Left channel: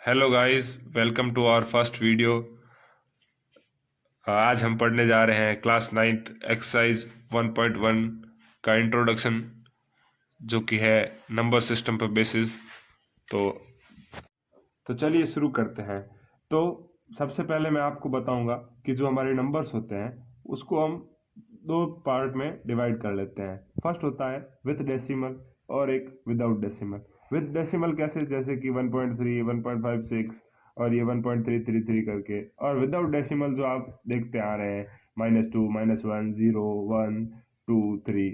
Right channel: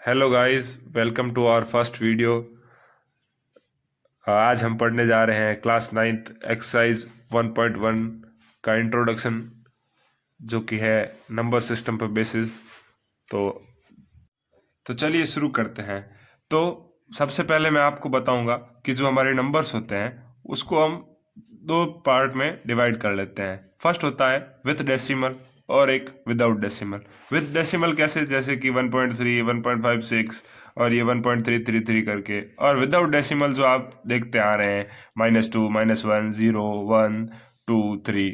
Hello guys, welcome to our first video. आज हम पढ़ने जा रहे हैं क्लास नाइन्थ एक्सरसाइज 1.1 का इंट्रोडक्शन, जो कि है नंबर सिस्टम पर बेसिस। तो चलिए शुरू करते हैं। तो सबसे पहले मैं आपको बताऊंगा कि जो हमारे नंबर्स होते हैं उसको हम दो पार्ट में डिवाइड कर लेते हैं। फर्स्ट होता है विथ डेसिमल और एक विदाउट डेसिमल। विथ डेसिमल कैसे, जैसे कि 1.3, 1.56 और ये 1.333 करके। और विदाउट डेसिमल जो आप देखते आ रहे हैं -2, -1, 0, 1, 2, 3।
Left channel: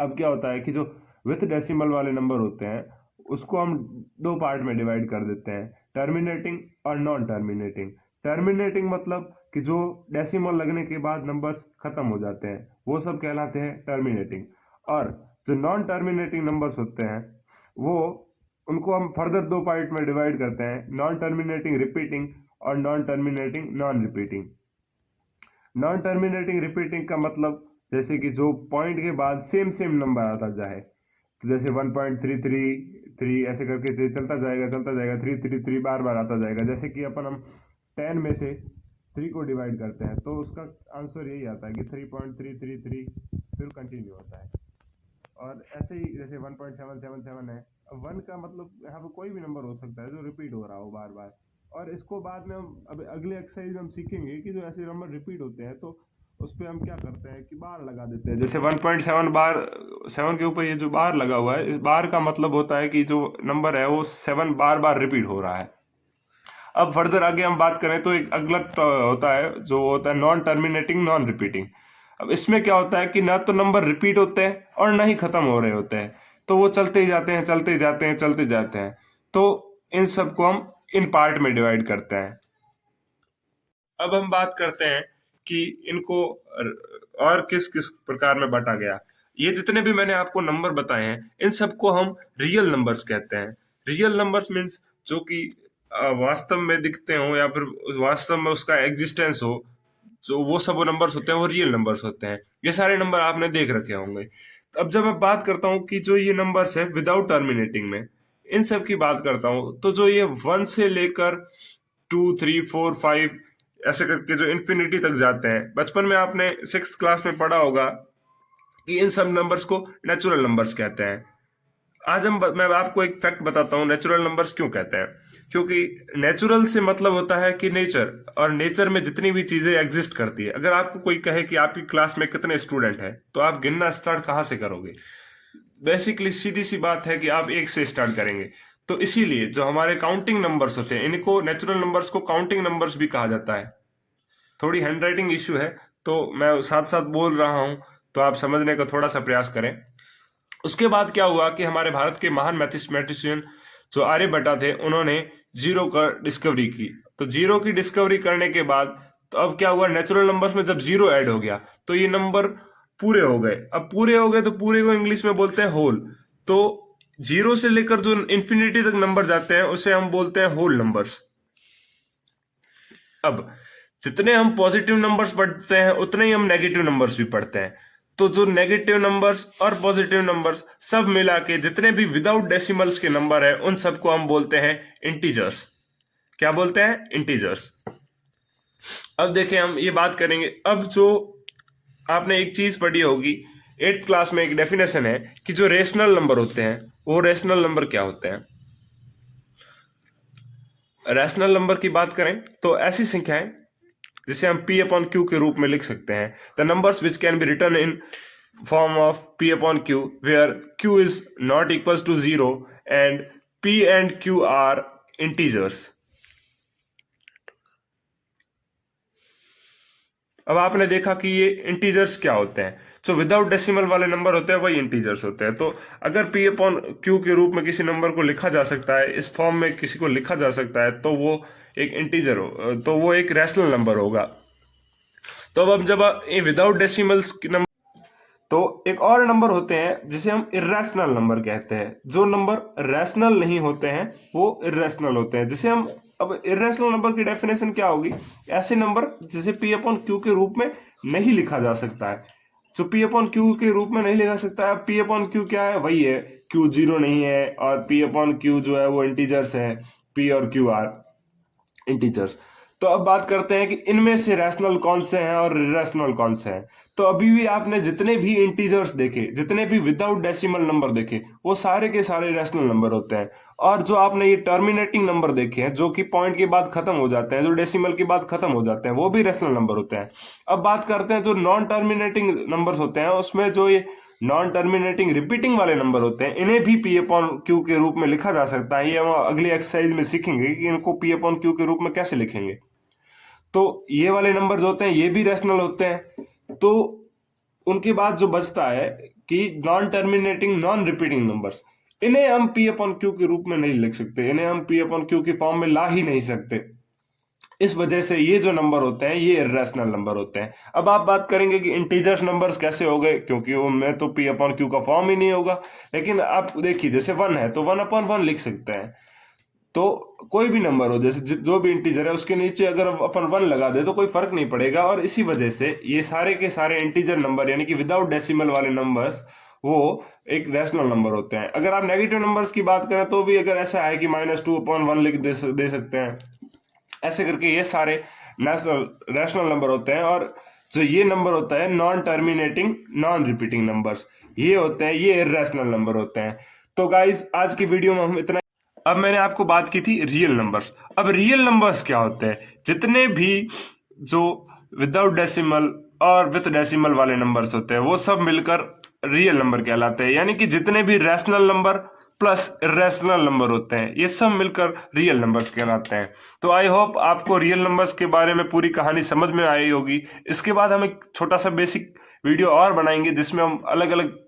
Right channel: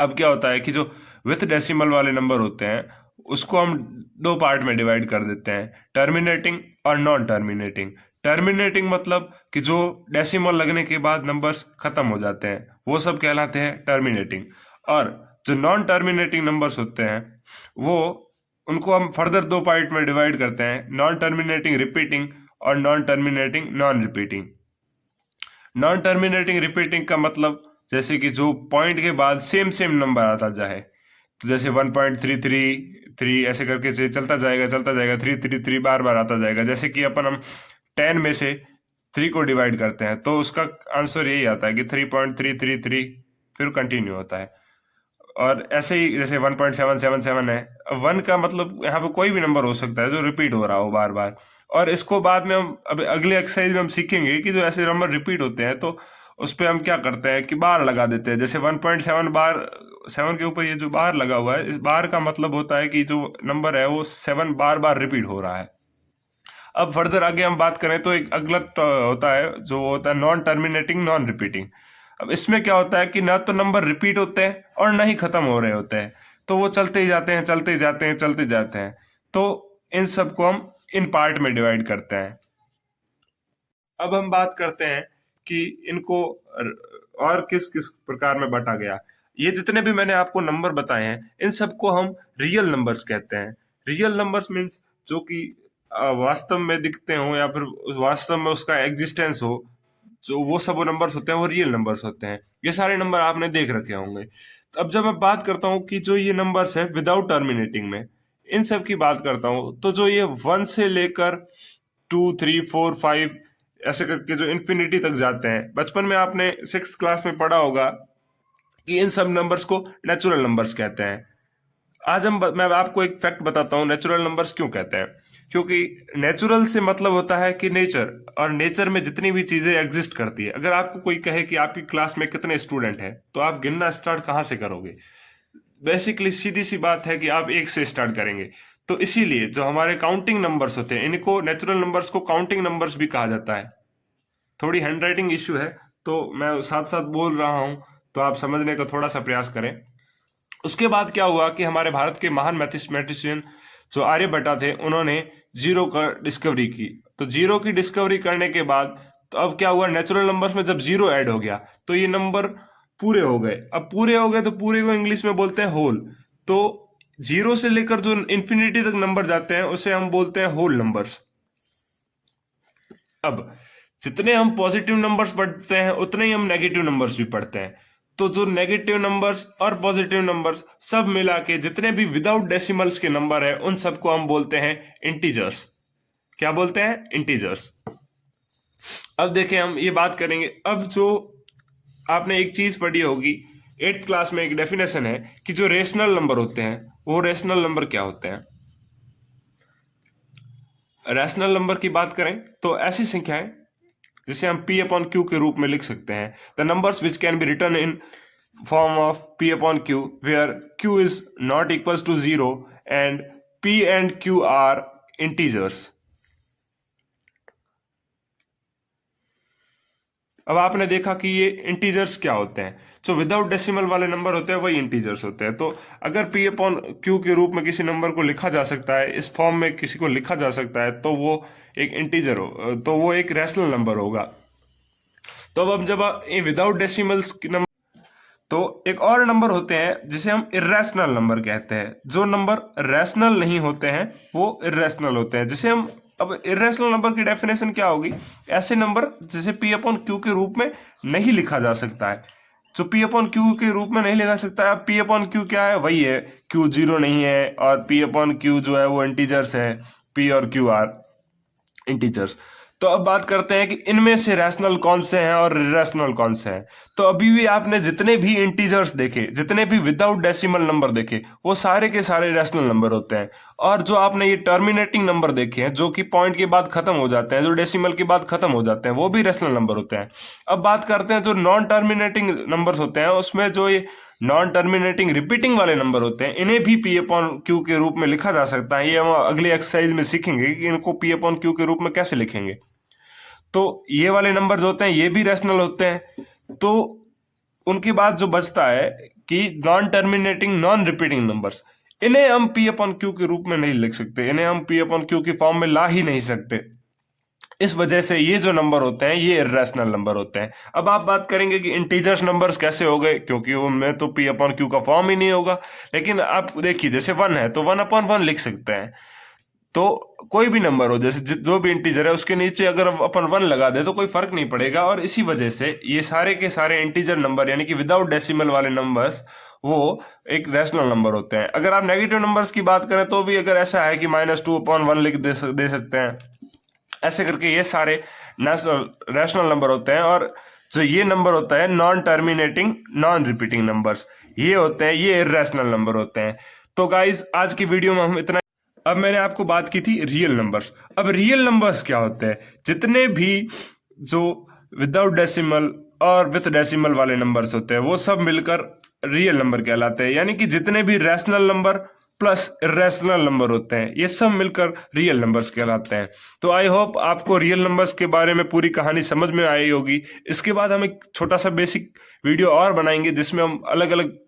अब क्या होता है कि जो विथ डेसिमल वाले नंबर होते हैं उसको हम दो पार्ट में डिवाइड कर देते हैं, टर्मिनेटिंग और नॉन टर्मिनेटिंग। टर्मिनेटिंग मतलब कि जो डेसिमल लगने के बाद नंबर्स खत्म हो जाते हैं, वो सब कहलाते हैं टर्मिनेटिंग। और जो नॉन टर्मिनेटिंग नंबर्स होते हैं वो उनको हम फर्दर दो पार्ट में डिवाइड करते हैं, नॉन टर्मिनेटिंग रिपीटिंग और non terminating non repeating. Non terminating repeating का मतलब जैसे कि जो पॉइंट के बाद सेम सेम नंबर आता जाए। तो जैसे 1.333 ऐसे करके से चलता जाएगा 333 बार बार आता जाएगा। जैसे कि हम 10 में से 3 को डिवाइड करते हैं तो उसका आंसर यही आता है कि 3.333, फिर कंटिन्यू होता है। और ऐसे ही जैसे 1.777 है, 1 का मतलब यहाँ पे कोई भी नंबर हो सकता है जो रिपीट हो रहा हो बार बार। और इसको बाद में हम अब अगले एक्सरसाइज में हम सीखेंगे कि जो ऐसे नंबर रिपीट होते हैं तो उस पर हम क्या करते हैं कि बार लगा देते हैं। जैसे 1.7 बार, 7 के ऊपर ये जो बार लगा हुआ है, इस बार का मतलब होता है कि जो नंबर है वो 7 बार बार रिपीट हो रहा है। अब फर्दर आगे हम बात करें तो एक अगला होता है जो होता है नॉन टर्मिनेटिंग नॉन रिपीटिंग। अब इसमें क्या होता है कि ना तो नंबर रिपीट होते हैं और ना ही खत्म हो रहे होते हैं, तो वो चलते ही जाते हैं चलते ही जाते हैं चलते जाते हैं। तो इन सबको हम इन पार्ट में डिवाइड करते हैं। अब हम बात करते हैं कि इनको और किस किस प्रकार में बांटा गया। ये जितने भी मैंने आपको नंबर बताए हैं इन सबको हम रियल नंबर्स कहते हैं। रियल नंबर्स मीन्स जो कि वास्तव में दिखते हो या फिर वास्तव में उसका एग्जिस्टेंस हो, जो वो सब वो नंबर्स होते हैं वो रियल नंबर्स होते हैं। ये सारे नंबर आपने देख रखे होंगे। तो अब जब मैं बात करता हूँ कि जो ये नंबर्स है विदाउट टर्मिनेटिंग में, इन सब की बात करता हूँ, तो जो ये 1 से लेकर 2, 3, 4, 5 ऐसे करके जो इन्फिनिटी तक जाते हैं, बचपन में आपने 6th क्लास में पढ़ा होगा कि इन सब नंबर्स को नेचुरल नंबर्स कहते हैं। आज मैं आपको एक फैक्ट बताता हूँ नेचुरल नंबर्स क्यों कहते हैं। क्योंकि नेचुरल से मतलब होता है कि नेचर, और नेचर में जितनी भी चीजें एग्जिस्ट करती है। अगर आपको कोई कहे कि आपकी क्लास में कितने स्टूडेंट हैं तो आप गिनना स्टार्ट कहाँ से करोगे? बेसिकली सीधी सी बात है कि आप एक से स्टार्ट करेंगे। तो इसीलिए जो हमारे काउंटिंग नंबर्स होते हैं इनको नेचुरल नंबर्स को काउंटिंग नंबर्स भी कहा जाता है। थोड़ी हैंडराइटिंग इश्यू है तो मैं साथ साथ बोल रहा हूं, तो आप समझने का थोड़ा सा प्रयास करें। उसके बाद क्या हुआ कि हमारे भारत के महान मैथमेटिशियन जो आर्यभट्टा थे उन्होंने जीरो का डिस्कवरी की। तो जीरो की डिस्कवरी करने के बाद तो अब क्या हुआ, नेचुरल नंबर्स में जब जीरो ऐड हो गया तो ये नंबर पूरे हो गए। अब पूरे हो गए तो पूरे को इंग्लिश में बोलते हैं होल। तो जीरो से लेकर जो इंफिनिटी तक नंबर जाते हैं उसे हम बोलते हैं होल नंबर्स। अब जितने हम पॉजिटिव नंबर्स पढ़ते हैं उतने ही हम नेगेटिव नंबर्स भी पढ़ते हैं। तो जो नेगेटिव नंबर्स और पॉजिटिव नंबर्स सब मिला के जितने भी विदाउट डेसिमल्स के नंबर है उन सबको हम बोलते हैं इंटीजर्स। क्या बोलते हैं? इंटीजर्स। अब देखें, हम ये बात करेंगे। अब जो आपने एक चीज पढ़ी होगी 8th क्लास में, एक डेफिनेशन है कि जो रेशनल नंबर होते हैं वो रेशनल नंबर क्या होते हैं। रैशनल नंबर की बात करें तो ऐसी संख्याएं जिसे हम P अपॉन Q के रूप में लिख सकते हैं। The numbers which can be written in form of P upon Q where Q is not equals to 0 and P and Q are integers. अब आपने देखा कि ये इंटीजर्स क्या होते हैं। जो विदाउट डेसिमल वाले नंबर होते हैं वही इंटीजर्स होते हैं। तो अगर P अपॉन Q के रूप में किसी नंबर को लिखा जा सकता है, इस फॉर्म में किसी को लिखा जा सकता है, तो वो एक इंटीजर हो, तो वो एक रैशनल नंबर होगा। तो अब जब विदाउट डेसिमल्स नंबर, तो एक और नंबर होते हैं जिसे हम इर्रेशनल नंबर कहते हैं। जो नंबर रैशनल नहीं होते हैं वो इर्रेशनल होते हैं, जिसे हम, अब इर्रेशनल नंबर की डेफिनेशन क्या होगी? ऐसे नंबर जिसे P अपॉन Q के रूप में नहीं लिखा जा सकता है। जो पी अपॉन क्यू के रूप में नहीं लिखा सकता। अब पी अपॉन क्यू क्या है, वही है, क्यू जीरो नहीं है, और पी अपॉन क्यू जो है वो इंटीजर्स है, पी और क्यू आर इंटीजर्स। तो अब बात करते हैं कि इनमें से रैशनल कौन से हैं और इरेशनल कौन से हैं। तो अभी भी आपने जितने भी इंटीजर्स देखे, जितने भी विदाउट डेसिमल नंबर देखे, वो सारे के सारे रैशनल नंबर होते हैं। और जो आपने ये टर्मिनेटिंग नंबर देखे हैं, जो कि पॉइंट के बाद खत्म हो जाते हैं, जो डेसिमल के बाद खत्म हो जाते हैं, वो भी रैशनल नंबर होते हैं। अब बात करते हैं जो नॉन टर्मिनेटिंग नंबर्स होते हैं, उसमें जो ये नॉन टर्मिनेटिंग रिपीटिंग वाले नंबर होते हैं, इन्हें भी पी अपॉन क्यू के रूप में लिखा जा सकता है। ये हम अगली एक्सरसाइज में सीखेंगे कि इनको पी अपॉन क्यू के रूप में कैसे लिखेंगे। तो ये वाले नंबर्स होते हैं, ये भी रैशनल होते हैं। तो उनके बाद जो बचता है कि non terminating non repeating numbers, इन्हें हम पी अपॉन क्यू के रूप में नहीं लिख सकते, इन्हें हम पी अपॉन क्यू की फॉर्म में ला ही नहीं सकते। इस वजह से ये जो नंबर होते हैं ये इर्रेशनल नंबर होते हैं। अब आप बात करेंगे कि इंटीजर्स नंबर्स कैसे हो गए, क्योंकि उनमें तो पी अपॉन क्यू का फॉर्म ही नहीं होगा। लेकिन आप देखिए, जैसे वन है तो वन अपॉन वन लिख सकते हैं। तो कोई भी नंबर हो, जैसे जो भी इंटीजर है उसके नीचे अगर अपन वन लगा दे तो कोई फर्क नहीं पड़ेगा। और इसी वजह से ये सारे के सारे इंटीजर नंबर यानी कि विदाउट डेसिमल वाले नंबर्स वो एक रैशनल नंबर होते हैं। अगर आप नेगेटिव नंबर्स की बात करें तो भी अगर ऐसा है कि -2/1 लिख दे सकते हैं, ऐसे करके ये सारे नेशनल रैशनल नंबर होते हैं। और जो ये नंबर होता है non terminating non repeating numbers, ये होते हैं, ये इर्रेशनल नंबर होते हैं। तो गाइज आज की वीडियो में हम इतना। अब मैंने आपको बात की थी रियल नंबर्स। अब रियल नंबर्स क्या होते हैं, जितने भी जो विदाउट डेसिमल और विथ डेसिमल वाले नंबर्स होते हैं वो सब मिलकर रियल नंबर कहलाते हैं। यानी कि जितने भी rational number plus irrational number होते हैं ये सब मिलकर रियल नंबर्स कहलाते हैं। तो आई होप आपको रियल नंबर्स के बारे में पूरी कहानी समझ में आई होगी। इसके बाद हम एक छोटा सा बेसिक वीडियो और बनाएंगे जिसमें हम अलग अलग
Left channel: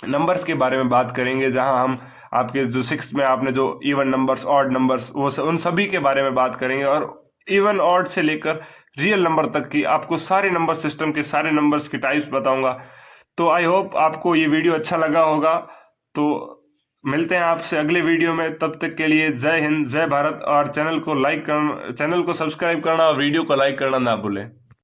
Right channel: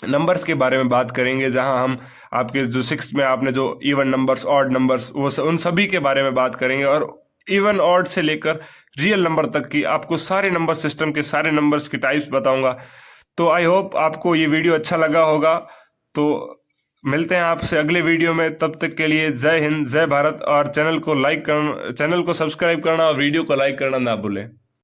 नंबर्स के बारे में बात करेंगे, जहां हम आपके जो सिक्स में आपने जो इवन नंबर्स ऑड नंबर्स उन सभी के बारे में बात करेंगे। और इवन ऑड से लेकर रियल नंबर तक की आपको सारे नंबर सिस्टम के सारे नंबर्स के टाइप्स बताऊंगा। तो आई होप आपको ये वीडियो अच्छा लगा होगा। तो मिलते हैं आपसे अगले वीडियो में, तब तक के लिए जय हिंद जय भारत। और चैनल को सब्सक्राइब करना और वीडियो को लाइक करना ना भूलें।